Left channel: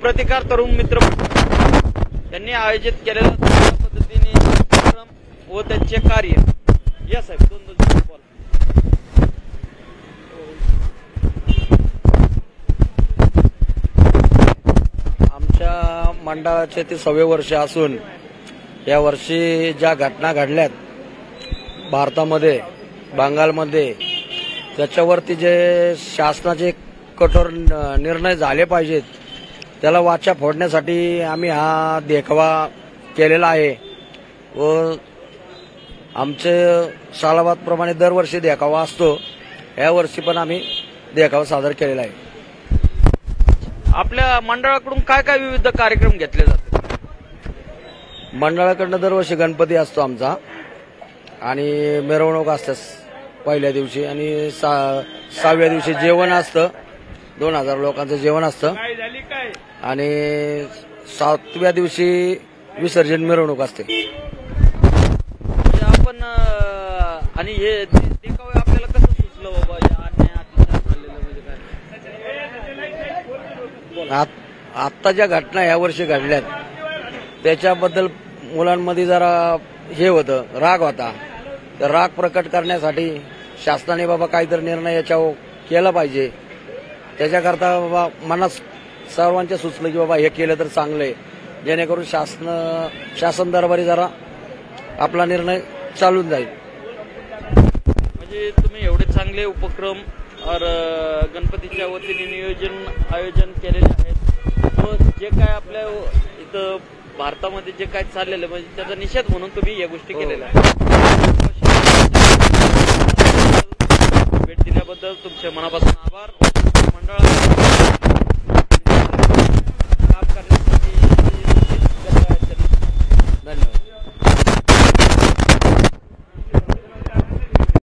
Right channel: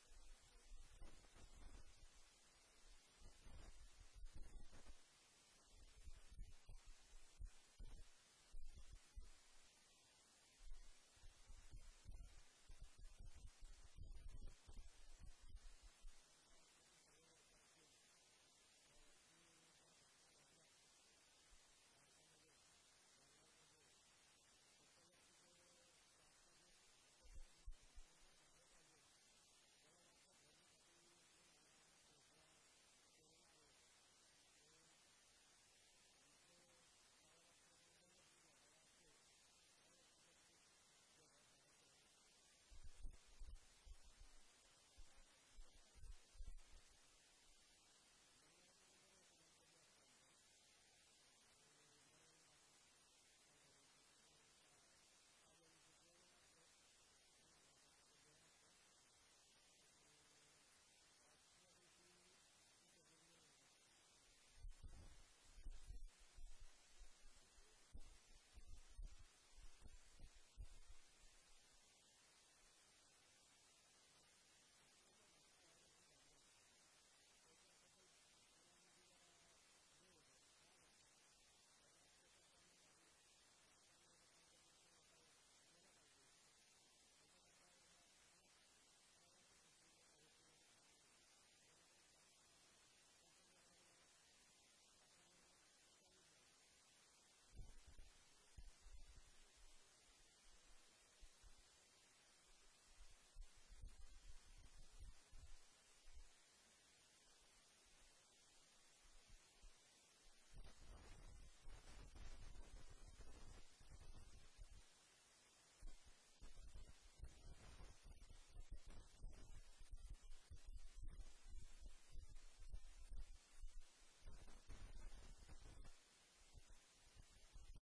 प्रतिकार तरुण मित्र यांनी आयोजित केलेला पद्धतीने कार्यक्रम व त्यांचे कार्य या साहेब आमच्या मंडळाचे ते 6वे वर्ष असून या वर्षी ज्या घटना घडल्यात भारतामध्ये बंगालमध्ये त्याच्यावरती जे शासनाचे कठोर निर्णय झाले पाहिजेत त्याला वाचा फोडण्यासाठी आम्ही हा देखावा केलेला आहे व आमचे सालाबादप्रमाणे दरवर्षी देखावा असतो या वर्षी पण आम्ही देखावा सादर केलेला आहे। आपल्या मंडळाकडून काय काय विविध कार्यक्रम घेतले जातात? मंडळाकडनं दरवर्षी गणपती असतो आमचा आणि मिरवणूक असते पहिल्या दिवशी आणि 6व्या दिवशी जेवण असतं 2000 लोकांचं जेवण असतं आणि 7व्या दिवशी विसर्जन मिरवणूक असते। आपण आणि हे देखावे आपल्याला कसं सुचलं बाबा या अन्याय अत्याचार झालेलं म्हणजे काय? आत्ता ज्या घटना या वर्षी घडल्यात त्याच्याबद्दल मुलांमध्ये जरा हे होतं राग होता तर राग प्रकट करण्यासाठी शासनाने बाबा काहीतरी निर्णय याच्यावर केला पाहिजे त्याच्याकरता बाबा मनात सर्वांच्या सुचलं की बाबा हे केलं तर चांगलं आहे जेणेकरून शासन दरबारी जरा आपला निर्णय चालून जाईल। म्हणजे तुम्ही एवढे चांगले उपक्रम गणपतीच्या वतीने आयोजन केलेले आहेत व जे काय आपल्या इथं भारतामध्ये जे काय चाललेलं म्हणजे त्याचा निषेध म्हणून तुम्ही या गोष्टी केलेल्या आहेत। भेट दिल्याबद्दल तुमच्या मनापासून आभार। मंडळाला